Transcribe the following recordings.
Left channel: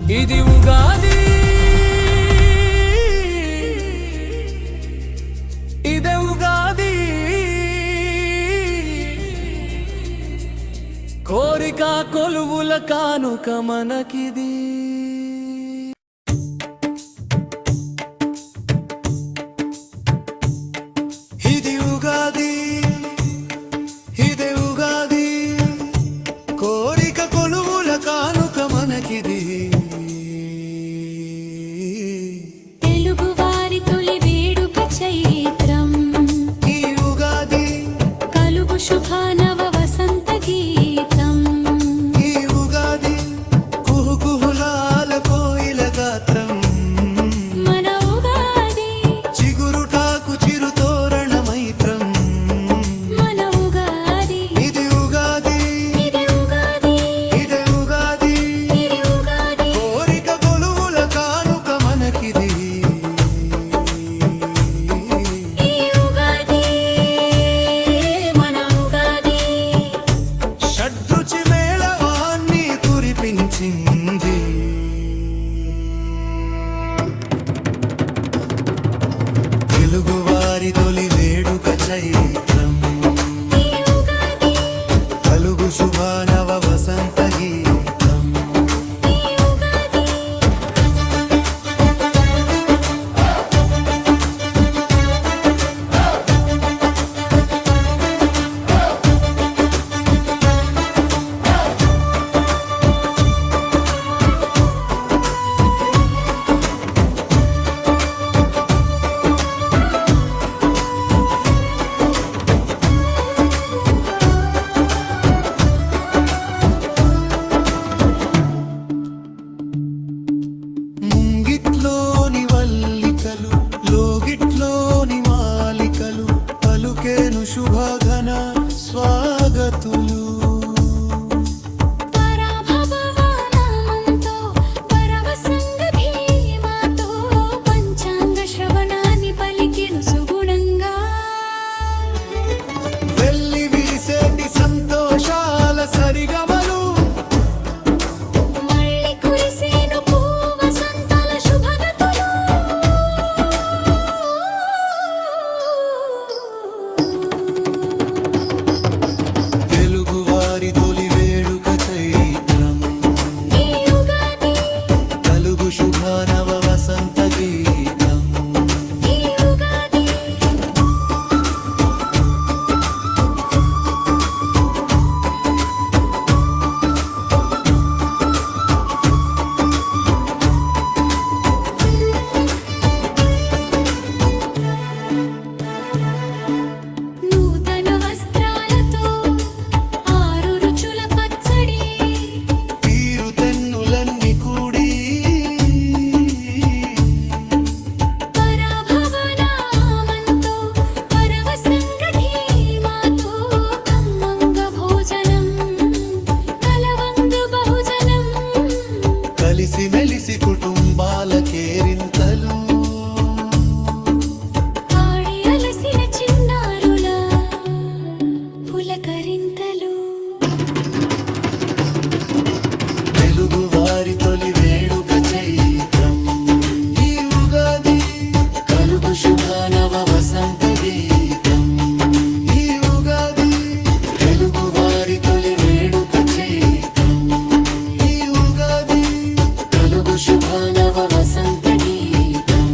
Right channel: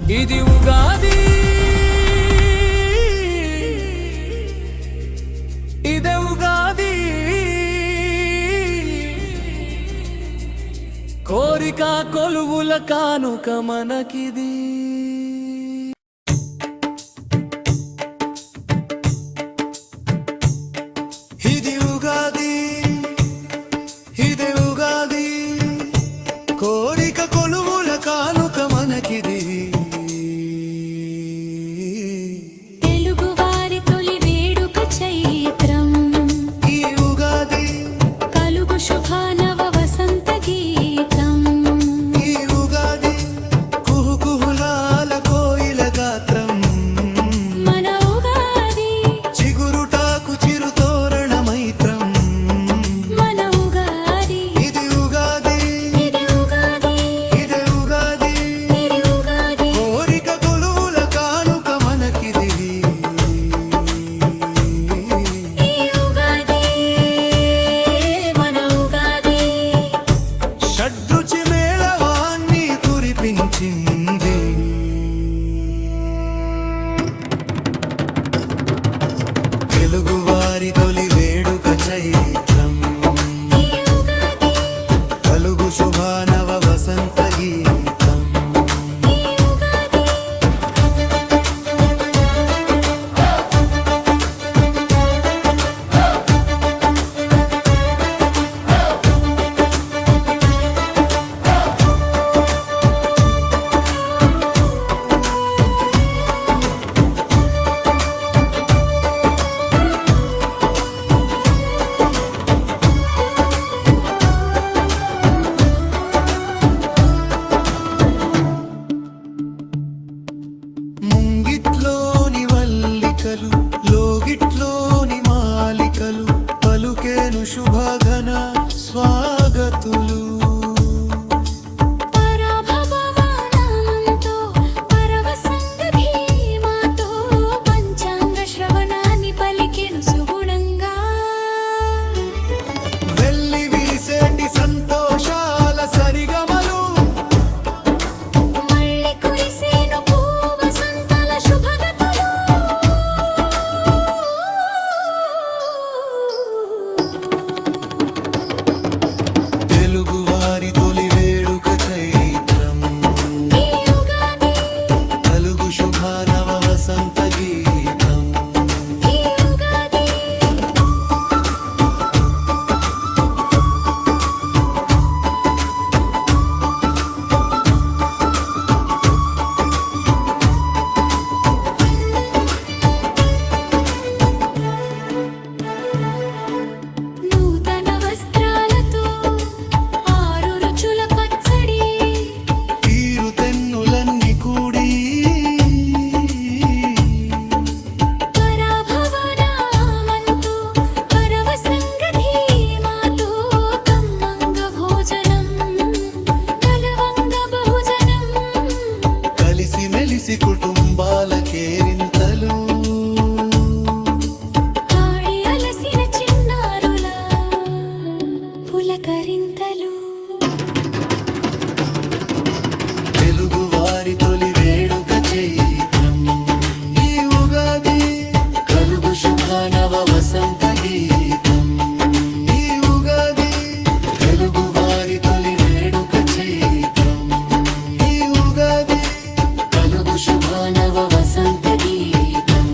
ఇది ఉగాది, ఇదే ఉగాది, కోరిక కొలువుల కానుక మనకిది. ఇది ఉగాది, ఇదే ఉగాది, కోరిక కొలువుల కానుక మనకిది. తెలుగువారి తొలి వేడుక చైత్రం, ఈ ఉగాది కలుగు శుభానవ వసంత గీతం. ఈ ఉగాది కుహుకుహులాల కోయిల గాత్రం, మన ఉగాది చిగురుటాకు చిరుతోరణ మైత్రం. మన ఉగాది, ఇది ఉగాది, ఇదే ఉగాది, ఇదే ఉగాది, ఇది ఉగాది, కోరిక కొలువుల కానుక మనకిది. ఈ ఉగాది మన ఉగాది. షడ్రుచి మేళవాన్ని కురిపించింది. తెలుగువారి తొలి వేడుక చైత్రం, ఈ ఉగాది, కలుగు శుభానవ వసంత గీతం. ఈ ఉగాది, ముంగిట్లోని వల్లికలు, లోగిట్లోని మాలికలు, పలుకేను శుభఘన స్వాగతులు. పరాభవనామంతో పరవశంగ ధీమాతో పంచాంగ శ్రవణాన్ని పలికెను సుగుణంగా. వెల్లి విరిసేటి సంతోషాల సరిగమలు, మళ్ళీ కురిసేను పూవసంతాల శుభగతులు. తెలుగువారి తొలి వేడుక చైత్రం, ఈ ఉగాది, కలుగు శుభానవ వసంత గీతం. ఈ ఉగాది, నూతన వస్త్రాలతో ఆరు రుచుల పచ్చడి, తీరు తెన్నులన్నీ కూడి, పరాభవనామంతో పరవశంగ ధీమాతో కమ్మంగ భోజనం, కలవంగ బహుజనం. కలిసి మెలిసి కుటుంబాల కేరింతలు, ఆడి అలసిన చిన్నారుల పులకరింతలు. తెలుగువారి తొలి వేడుక చైత్రం, ఈ ఉగాది, కలుగు శుభానవ వసంత గీతం. ఈ ఉగాది, తెలుగువారి తొలి వేడుక చైత్రం, ఈ ఉగాది, కలుగు శుభానవ వసంత గీతం.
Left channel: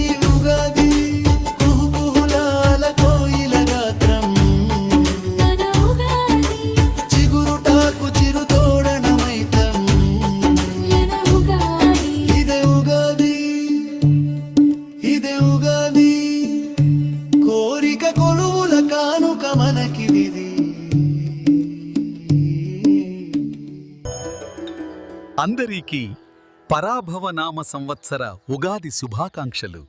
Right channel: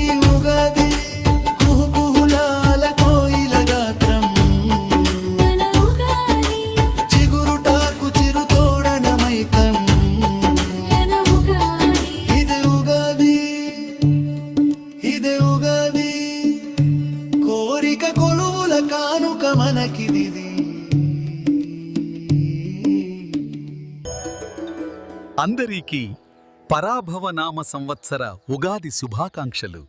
ఈ ఉగాది కుహుకుహులాల కోయిల గాత్రం, మన ఉగాది, చిగురుటాకు చిరుతోడన మైత్రం. మన ఉగాది, ఇదే ఉగాది, ఇదే ఉగాది, కోరిక కొలువుల కానుక మనకిది. అందరికీ పరాభవ నామ సంవత్సర ఉగాది శుభాకాంక్షలు.